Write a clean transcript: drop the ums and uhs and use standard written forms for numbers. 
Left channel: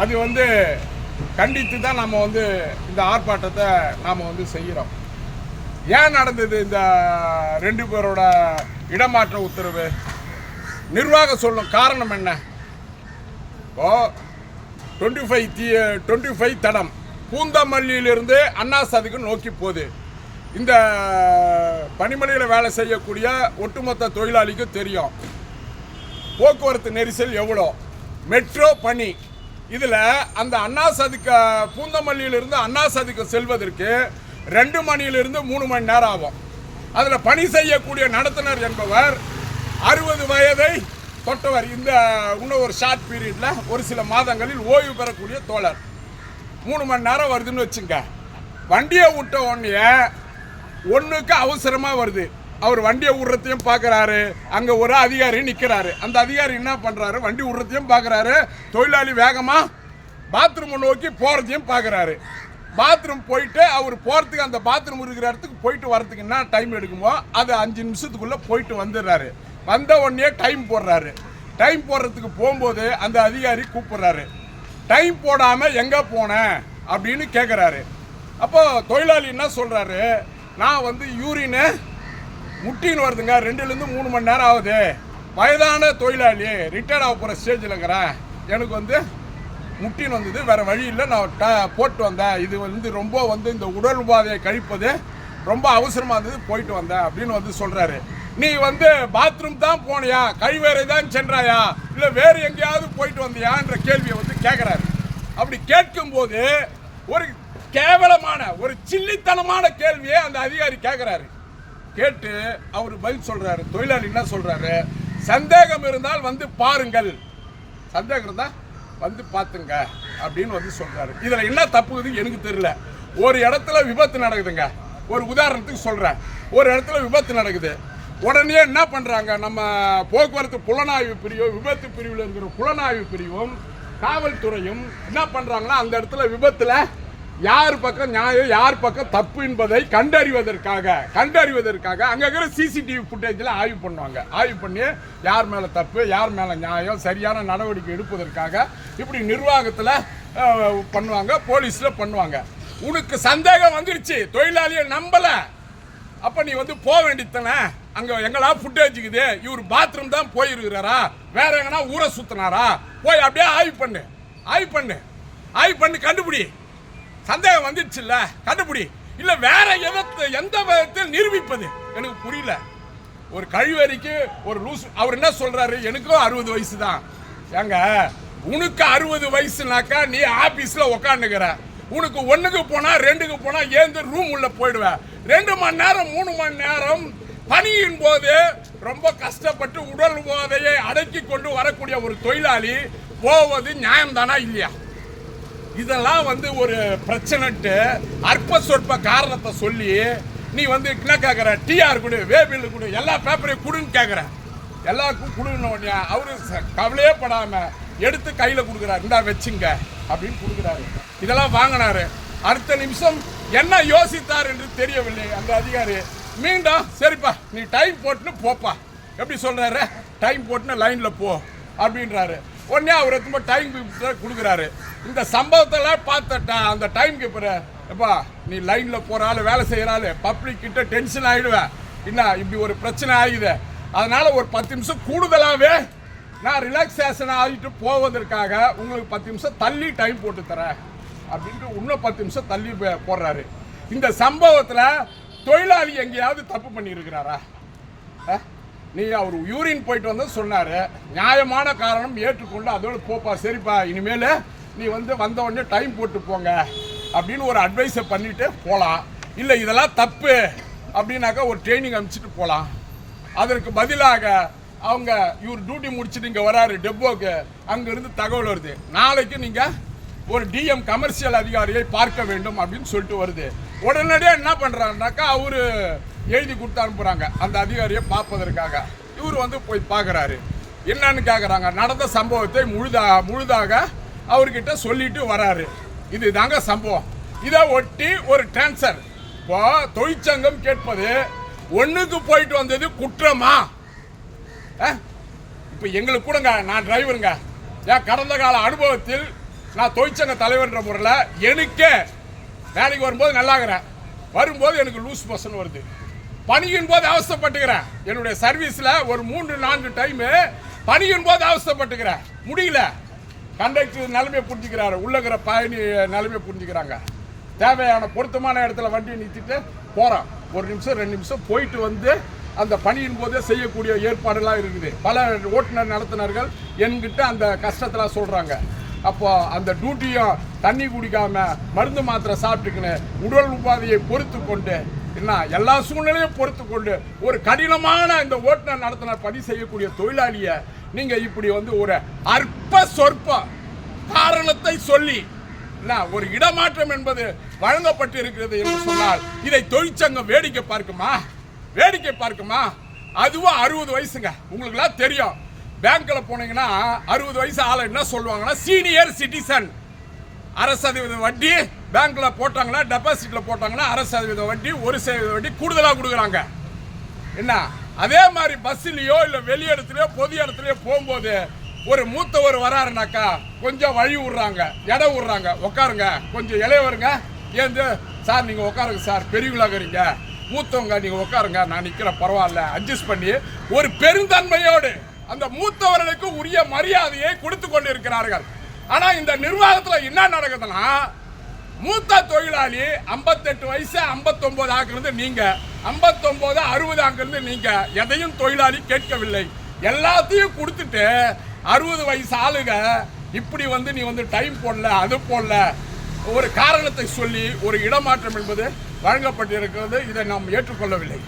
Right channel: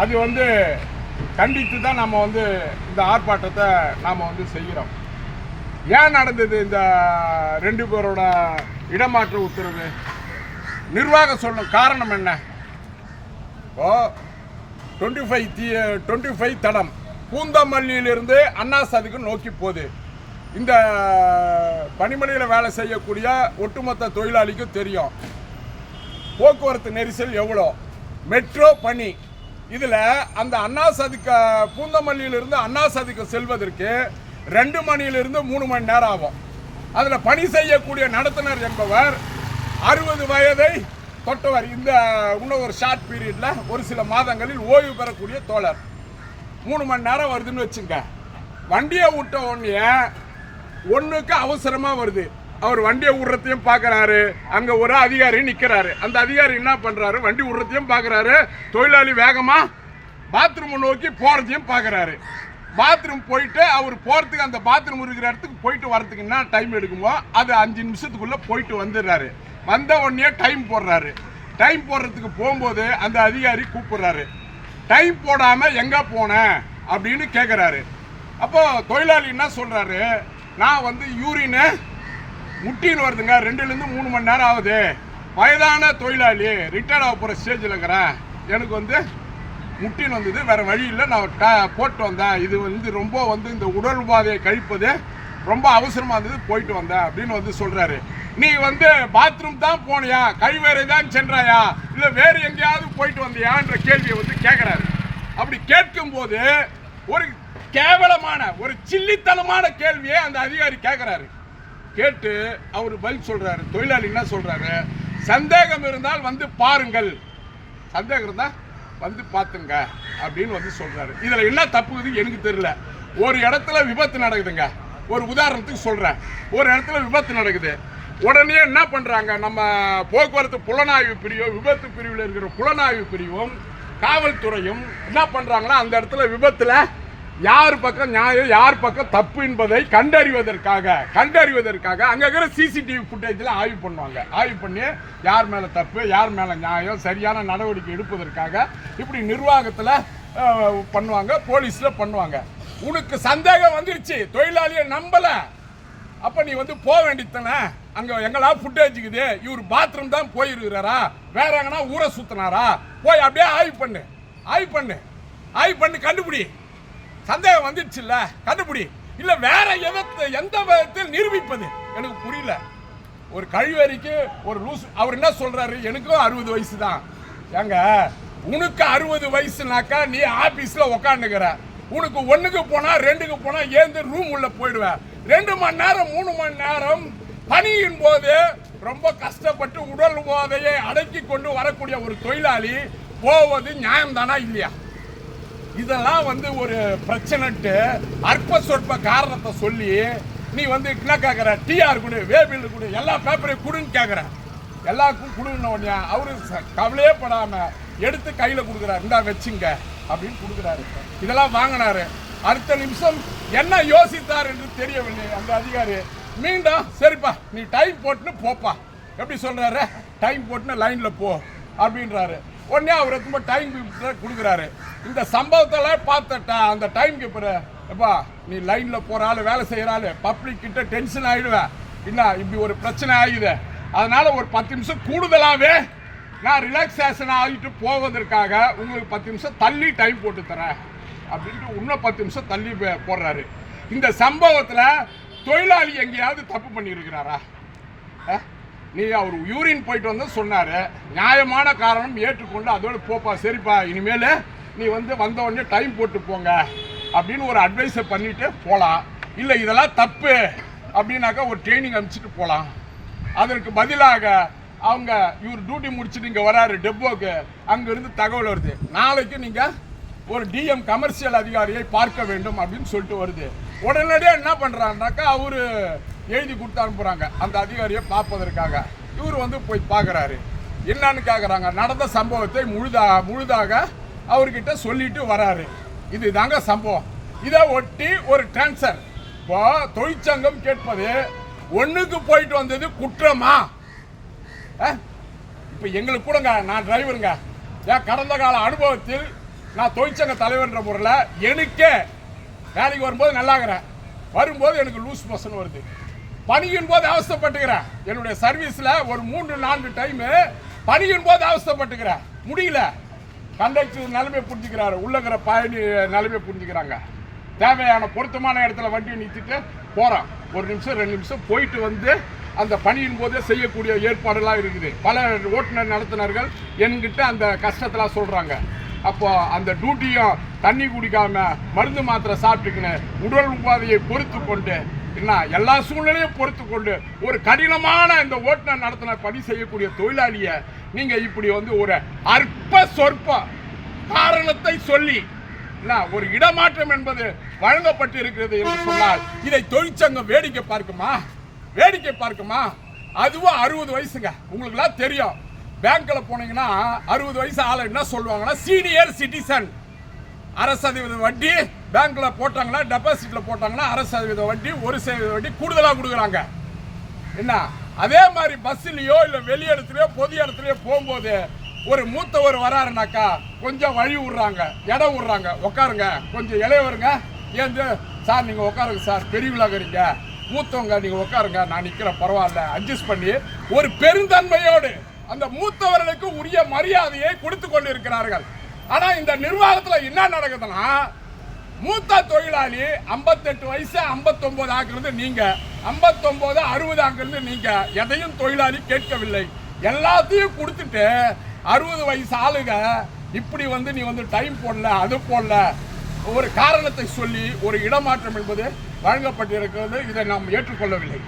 அது வந்து கண்டித்து தான் நம்ம வந்து இந்த ஆர்ப்பாட்டத்தை நாம் வந்து செய்கிறோம். ஏன் நடந்தது இந்த 2 பேரோட இடமாற்ற உத்தரவு? நிர்வாகம் சொல்லணும் காரணம் என்ன? ஓ 25 தடம் பூந்தமல்லியிலிருந்து அண்ணா சாதிக்கு நோக்கி போகுது. இந்த பனிமலையில் வேலை செய்யக்கூடிய ஒட்டுமொத்த தொழிலாளிக்கு தெரியும் போக்குவரத்து நெரிசல் எவ்வளோ. மெட்ரோ பணி இதில் அந்த அண்ணா சாதிக்க பூந்தமல்லியிலிருந்து அண்ணா சாதிக்கு செல்வதற்கு 2 மணியிலிருந்து 3 மணி நேரம் ஆகும். அதில் பணி செய்யக்கூடிய நடத்துனர் என்பவர் 60 வயதை தொட்டவர். இந்த இன்னும் ஒரு ஷார்ட் பீரியடில் ஒரு சில மாதங்களில் ஓய்வு பெறக்கூடிய தோழர். 3 மணி நேரம் வருதுன்னு வச்சுங்க. வண்டியை விட்ட உடனே ஒன்றுக்கு அவசரமாக வருது. அவர் வண்டியை விடுறதையும் பார்க்குறாரு, அங்கே ஒரு அதிகாரி நிற்கிறாரு. அந்த அதிகாரி என்ன பண்ணுறாரு, வண்டி விடுறதையும் பார்க்குறாரு, தொழிலாளி வேகமாக பாத்ரூமை நோக்கி போகிறதையும் பார்க்குறாரு. பாத்ரூம் போயிட்டு அவர் போகிறதுக்கு அந்த பாத்ரூம் இருக்கிற இடத்துக்கு போயிட்டு வரதுக்கு என்ன டைம் எடுக்குமோ அது 5 நிமிஷத்துக்குள்ளே போயிட்டு வந்துடுறாரு. வந்த உடனே டைம் போடுறாரு. டைம் போடுறதுக்கு போகும்போது அந்த அதிகாரி கூப்பிடுறாரு. டைம் போடாமல் எங்கே போனேன் அப்படின்னு கேட்குறாரு. அப்போ தொழிலாளி என்ன சொல்கிறாரு, நான் வந்து யூரின்னு முட்டின்னு வருதுங்க, 2லேருந்து 3 மணி நேரம் ஆகுது, வயதான தொழிலாளி, ரிட்டையர்ட் ஆக போகிற ஸ்டேஜில் இருக்கிறேன், எனக்கு வந்து முட்டின்னு வந்தது, வேறு வழி இல்லை, நான் போட்டு வந்தேன், இது வந்து ரொம்ப வந்து இந்த உடல் உபாதையை கழிப்பது ரொம்ப அவசரமாக இருந்தது, போயிட்டு வந்தேன் அப்படின்னு வந்து சொல்கிறாரு. நீ வந்து பாத்ரூம் தான் போனியா, கழிவறை தான் சென்றாயா, இல்லை வேறு எங்கேயாவது போயிட்டு வந்தியான்ற கேள்வியை வந்து கேட்குறாரு. அப்படி கேட்கும்போது ஒரு கேவலமான ஒரு சில்லித்தனமான கேள்வியை அந்த அதிகாரி கேட்குறாரு. கேட்டு அவர் பதில் சொல்கிறாரு. தொழிலாளி என்ன சொல்கிறாரு, சந்தேகம் இருந்தால் வந்து பாருங்கள், சந்தேகம் இருந்தால் வந்து பார்த்துங்க அப்படின்னு வந்து சொல்கிறாரு. இதில் என்ன தப்புக்குது எனக்கு தெரியல. ஒரு இடத்துல விபத்து நடக்குதுங்க, ஒரு உதாரணத்துக்கு சொல்கிறேன். ஒரு இடத்துல விபத்து நடக்குது, உடனே என்ன பண்ணுறாங்க, நம்ம போக்குவரத்து புலனாய்வு பிரிவும் விபத்து பிரிவில் இருக்கிற புலனாய்வு பிரிவும் காவல்துறையும் என்ன பண்ணுறாங்கன்னா அந்த இடத்துல விபத்தில் யார் பக்கம் நியாயம் யார் பக்கம் தப்பு என்பதை கண்டறிவதற்காக அங்கே இருக்கிற சிசிடிவி ஃபுட்டேஜில் ஆய்வு பண்ணுவாங்க. ஆய்வு பண்ணி யார் மேலே தப்பு யார் மேலே நியாயம் சரியான நடவடிக்கை எடுப்பதற்காக இப்படி நிர்வாகத்தில் பண்ணுவாங்க, போலீஸில் பண்ணுவாங்க. உனக்கு சந்தேகம் வந்துருச்சு, தொழிலாளியை நம்பலை, அப்போ நீ வந்து போக வேண்டியதானே, அங்கே எங்களா ஃபுட்டேஜுக்குது, இவர் பாத்ரூம் தான் போயிருக்கிறாரா, வேற எங்கன்னா ஊரை சுற்றினாரா, போய் அப்படியே ஆய்வு பண்ணு கண்டுபிடி. சந்தேகம் வந்துடுச்சுல்ல, கண்டுபிடி. இல்லை வேற எந்த விதத்தில் நிரூபிப்பது எனக்கு புரியல. ஒரு கழிவறைக்கு ஒரு லூஸ், அவர் என்ன சொல்றாரு, எனக்கும் 60 வயசு தான். ஏங்க உனக்கு 60 வயசுனாக்கா நீ ஆபீஸ்ல உக்காந்துக்கிற, உனக்கு 1க்கு போனா 2க்கு போனா ஏந்து ரூம் உள்ள போயிடுவேன். 2 மணி நேரம் 3 மணி நேரம் பணியின் போது ரொம்ப கஷ்டப்பட்டு உடல் உபாதையை அடக்கி கொண்டு வரக்கூடிய ஒரு தொழிலாளி போவது நியாயம் தானா இல்லையா? இதெல்லாம் வந்து ஒரு பிரச்சனைட்டு அற்ப சொற்ப காரணத்தை சொல்லி நீ வந்து என்ன கேட்குற, டிஆர் கொடு, வேபில் கொடு, எல்லா பேப்பரையும் கொடுன்னு கேட்குற. எல்லாருக்கும் கொடுன்னு அவரு கவலையே படாம எடுத்து கையில் கொடுக்குறாரு, இந்தா வச்சுங்க அப்படின்னு கொடுக்குறாரு. இதெல்லாம் வாங்கினாரு. அடுத்த நிமிஷம் என்ன யோசித்தார் என்று தெரியவில்லை அந்த அதிகாரி. மீண்டும் சரிப்பா நீ டைம் போட்டுன்னு போப்பா, எப்படி சொல்றாரு, டைம் போட்டுன்னு லைன்ல போ அப்படின்றாரு. உடனே அவர் ரொம்ப டைம் கொடுக்குறாரு. இந்த சம்பவத்தெல்லாம் பார்த்துட்டா அந்த டைம் கீப்பரு, எப்பா நீ லைன்ல போறாள் வேலை செய்யறாள் பப்ளிக் கிட்ட டென்ஷன் ஆயிடுவேன், என்ன இப்படி ஒரு பிரச்சனை ஆகுது, அதனால ஒரு 10 நிமிஷம் கூடுதலாகவே நான் ரிலாக்ஸேஷன் ஆகிட்டு போவதற்காக உங்களுக்கு 10 நிமிஷம் தள்ளி டைம் போட்டு தரேன் அப்படின்ட்டு இன்னும் 10 நிமிஷம் தள்ளி போடுறாரு. இந்த சம்பவத்தில் தொழிலாளி எங்கேயாவது தப்பு பண்ணியிருக்கிறாரா? நீ அவர் யூரின் போயிட்டு வந்து சொன்னார், நியாயமான காரணம் ஏற்றுக்கொண்டு அதோட போப்பா, சரிப்பா இனிமேல் நீ வந்து வந்த உடனே டைம் போட்டு போங்க அப்படின்னு ஒரு அட்வைஸை பண்ணிட்டு போகலாம். இல்லை இதெல்லாம் தப்பு அப்படின்னாக்கா ஒரு ட்ரைனிங் அனுப்பிச்சிட்டு போகலாம். அதற்கு பதிலாக அவங்க இவர் டியூட்டி முடிச்சுட்டு இங்கே வராரு டெப்போக்கு, அங்கேருந்து தகவல் வருது, நாளைக்கு நீங்கள் ஒரு டிஎம் கமர்ஷியல் அதிகாரியை பார்க்க வேண்டும் அப்படின்னு சொல்லிட்டு வருது. உடனடியாக என்ன பண்ணுறாருனாக்கா அவரு எழுதி கொடுத்து அனுப்புகிறாங்க அந்த அதிகாரியை பார்ப்பதற்காக. இவர் வந்து போய் பார்க்குறாரு. என்னன்னு கேட்குறாங்க, நடந்த சம்பவத்தை முழுதாக அவர்கிட்ட சொல்லிட்டு வராரு. இது தாங்க சம்பவம். இதை ஒட்டி ஒரு டிரான்ஸ்ஃபர். இப்போ தொழிற்சங்கம் கேட்பது 1க்கு போயிட்டு வந்தது குற்றமா? இப்போ எங்களுக்கு கூடங்க, நான் டிரைவருங்க, கடந்த கால அனுபவத்தில் நான் தொழிற்சங்க தலைவர்ன்ற முறையில் எனக்கே வேலைக்கு வரும்போது நல்லாகிறேன், வரும்போது எனக்கு லூஸ் மோஷன் வருது, பணியின் போது அவசரப்பட்டுக்கிறேன். என்னுடைய சர்வீஸில் ஒரு 3-4 டைமு பணியின் போது அவசரப்பட்டுக்கிறேன், முடியல. கண்டக்டர் நிலைமையை புரிஞ்சுக்கிறாரு, உள்ளகிற பயணி நிலைமையை புரிஞ்சுக்கிறாங்க. தேவையான பொருத்தமான இடத்துல வண்டியை நிறுத்திட்டு போகிறோம், 1 நிமிஷம் 2 நிமிஷம் போயிட்டு வந்து அந்த பணியின் போதே செய்யக்கூடிய ஏற்பாடுலாம் இருக்குது. பல ஓட்டுநர் நடத்துனர்கள் என்கிட்ட அந்த கஷ்டத்தெல்லாம் சொல்கிறாங்க. அப்போ அந்த டியூட்டியும் தண்ணி குடிக்காம மருந்து மாத்திரை சாப்பிட்டுக்கின்னு உடல் உபாதையை பொறுத்து கொண்டு என்ன எல்லா சூழ்நிலையும் பொறுத்து கொண்டு ஒரு கடினமான இந்த ஓட்டுநர் நடத்துனர் பணி செய்யக்கூடிய தொழிலாளியை நீங்க இப்படி வந்து ஒரு அற்ப சொற்ப காரணத்தை சொல்லி ஒரு இடமாற்றம் என்பது வழங்கப்பட்டு இருக்கிறது என்று சொன்னால் இதை தொழிற்சங்கம் வேடிக்கை பார்க்குமா? அதுவும் 60 வயசுங்க. உங்களுக்கு எல்லாம் தெரியும், பேங்க்ல போனீங்கன்னா 60 வயசு ஆளை என்ன சொல்லுவாங்கன்னா சீனியர் சிட்டிசன். 1% வட்டி பேங்க்ல போட்டாங்கன்னா, டெபாசிட்ல போட்டாங்கன்னா 1% வட்டி, 1% வட்டி கூடுதலாக கொடுக்குறாங்க. என்ன அதே மாதிரி பஸ்ஸிலேயோ இல்லை வெளி இடத்துலையோ பொது இடத்துலையோ போகும்போது ஒரு மூத்தவர் வராருனாக்கா கொஞ்சம் வழி விடுறாங்க, இடம் விடுறாங்க, உட்காருங்க, கொஞ்சம் இளையவருங்க ஏந்து சார் நீங்கள் உட்காருங்க சார், பெரியவங்களாகிறீங்க, மூத்தவங்க நீங்கள் உட்காருங்க, நான் நிற்கிறேன் பரவாயில்ல, அட்ஜஸ்ட் பண்ணி ஒரு பெருந்தன்மையோடு அந்த மூத்தவர்களுக்கு உரிய மரியாதையை கொடுத்து கொண்டு இருக்கிறார்கள். ஆனா இந்த நிர்வாகத்தில் என்ன நடக்குதுன்னா, மூத்த தொழிலாளி 58 வயசு 59 ஆக்குறது நீங்க, 59 60 ஆக்குறது நீங்க. எதையும் தொழிலாளி கேட்கவில்லை, எல்லாத்தையும் கொடுத்துட்டு 60 வயசு ஆளுங்க இப்படி வந்து நீ வந்து டைம் போடல, அது போடல, ஒரு காரணத்தை சொல்லி ஒரு இடமாற்றம் என்பது வழங்கப்பட்டிருக்கிறது. இதை நாம் ஏற்றுக்கொள்ளவில்லை.